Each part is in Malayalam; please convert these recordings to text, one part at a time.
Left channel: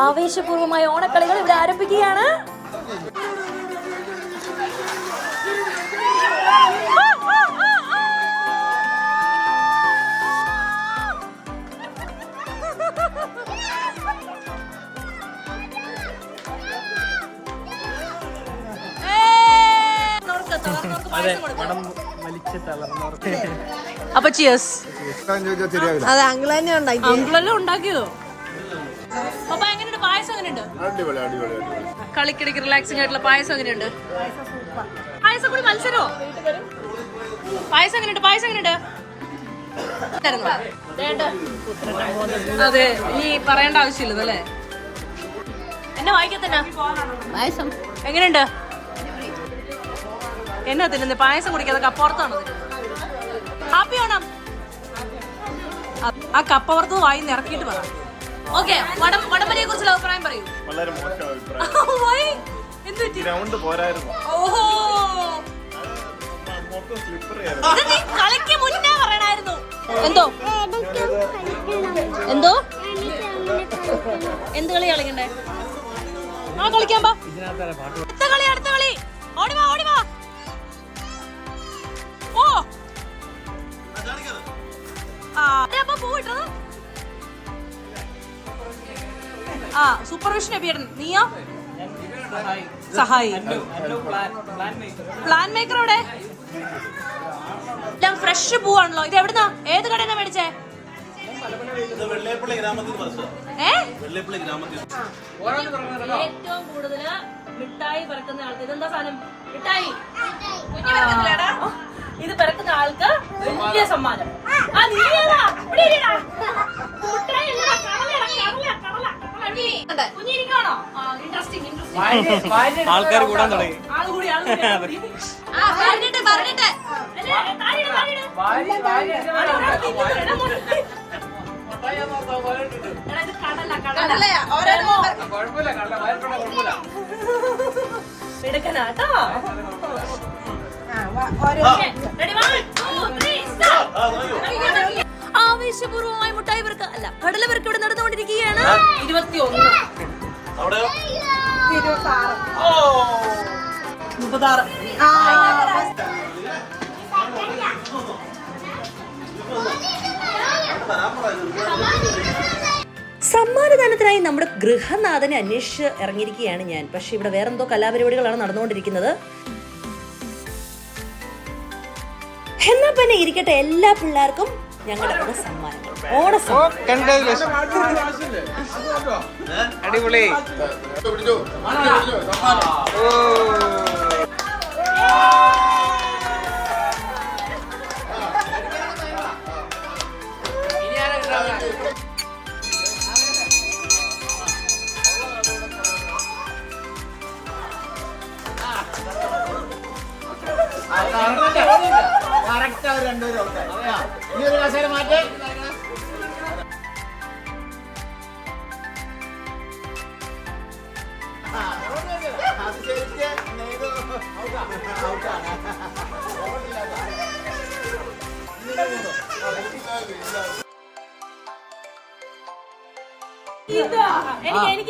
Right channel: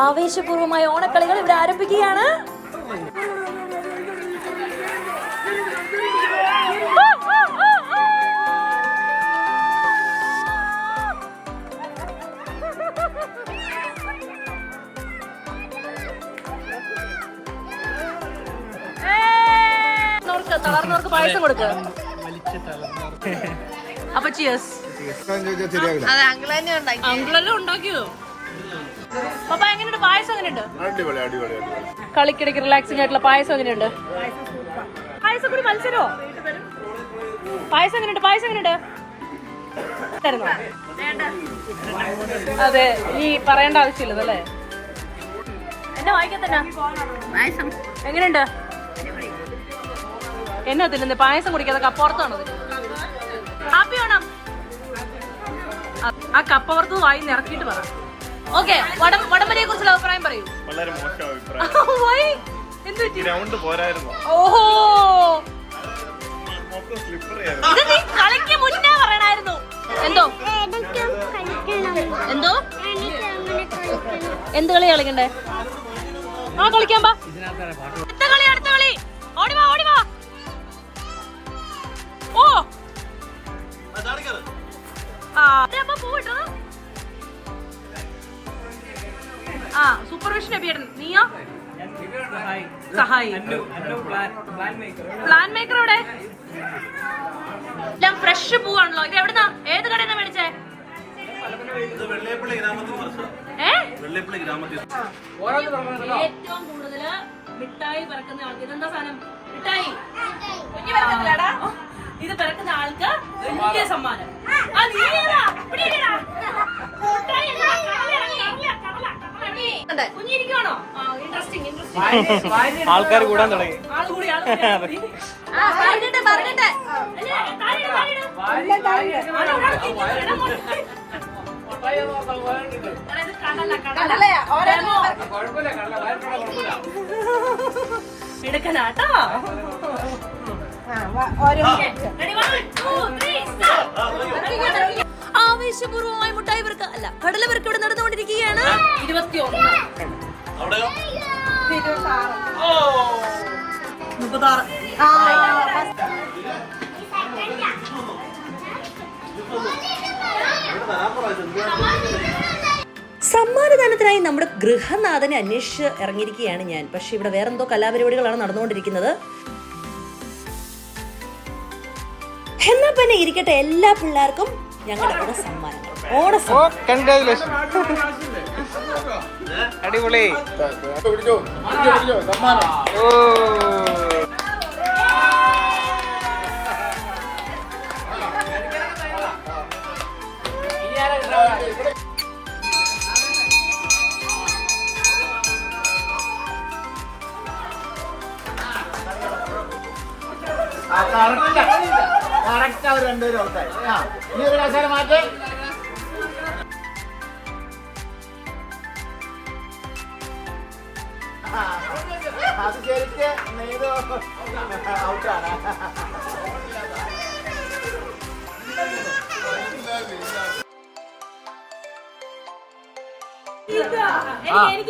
ആവേശപൂർവമായ ഓണക്കളികൾ ഇവിടെ ആരംഭിക്കുകയാണ്. അപ്പൊ ചിയേഴ്സ്. ഉണ്ടാക്കിയോ പപ്പ? എങ്ങനെയുണ്ട് പായസം? എങ്ങനെയുണ്ട്? കളിക്കിടയ്ക്ക് റിലാക്സിംഗ് ആയിട്ടുള്ള പായസം എങ്ങനെയുണ്ട്? പായസം കൂടി മത്സരമോ? പായസം എങ്ങനെയുണ്ട്? പായസം എങ്ങനെയുണ്ട്? അതെ, നീ പറയേണ്ട ആവശ്യമില്ലതല്ലേ. എന്നെ വായിക്കത്തന്നെ പായസം എങ്ങനെയുണ്ട്? എന്നാ തിന്നുന്നത്? പായസം കുടിക്കാതെ കപ്പുറത്താണോ? കാപ്പി വേണം. ആ കപ്പുറത്ത് വായി ഇറക്കിയിട്ട് പറ. ഓക്കെ, വടംവലിയെ കുറിച്ചുള്ള അഭിപ്രായം പറയൂ. വളരെ മോശം അഭിപ്രായം. ഗ്രൗണ്ട് പോരായിരുന്നു. ഓഹോ, ഇത് നീ കളിക്ക് മുന്നേ പറയണായിരുന്നു. എന്തോ എന്തോ എന്ത് കളി കളിക്കണ്ടേ? ആ കളിക്കാൻ പാ. അടുത്ത കളി, അടുത്ത കളി. ഓടിവാ, ഓടിവാ. ഓ അപ്പൊ പോയിട്ടത്. ആ സൂപ്പർവിഷൻ അഭിയേട്ടൻ. നീയോ? സഹായി. പ്ലാൻ മേക്കർ എവിടെ? എല്ലാം ഫ്രഷ് പൂവാണല്ലോ. ഇത് എവിടുന്നാ? ഏത് കടയിന്നാ മേടിച്ചേ? ഏറ്റവും കൂടുതൽ മിഠായി പിറക്കുന്ന ആൾക്ക് ഇതെന്താ സാധനം? മിഠായി. ഇത് പിറക്കുന്ന ആൾക്ക് വലിയ സമ്മാനം. ആൾക്കാർ കൂടാൻ തുടങ്ങി. പിടക്കനാട്ടോ. ആവേശപൂർവമായി മുട്ടായി പെറുക്ക അല്ല കടല പെറുക്ക് ഇവിടെ നടന്നുകൊണ്ടിരിക്കുകയാണ്. 21 36 സമ്മാനദാനത്തിനായി നമ്മുടെ ഗൃഹനാഥനെ അന്വേഷിച്ച് ഇറങ്ങിയിരിക്കുകയാണ് ഞാൻ. പക്ഷെ ഇവിടെ വേറെന്തോ കലാപരിപാടികളാണ് നടന്നുകൊണ്ടിരിക്കുന്നത്. എന്നാ പിന്നെ ഇരിക്കട്ടെ, എല്ലാ പിള്ളേർക്കും ഞങ്ങളുടെ സമ്മാനങ്ങൾ. അടിപൊളി.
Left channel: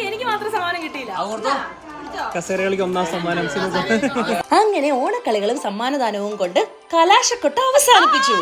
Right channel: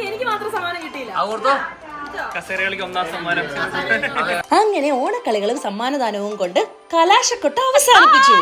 എനിക്ക് മാത്രം സമ്മാനം കിട്ടിയില്ല. സമ്മാനം. അങ്ങനെ ഓണക്കളികളും സമ്മാനദാനവും കൊണ്ട് കലാശക്കൊട്ട് അവസാനിപ്പിച്ചു.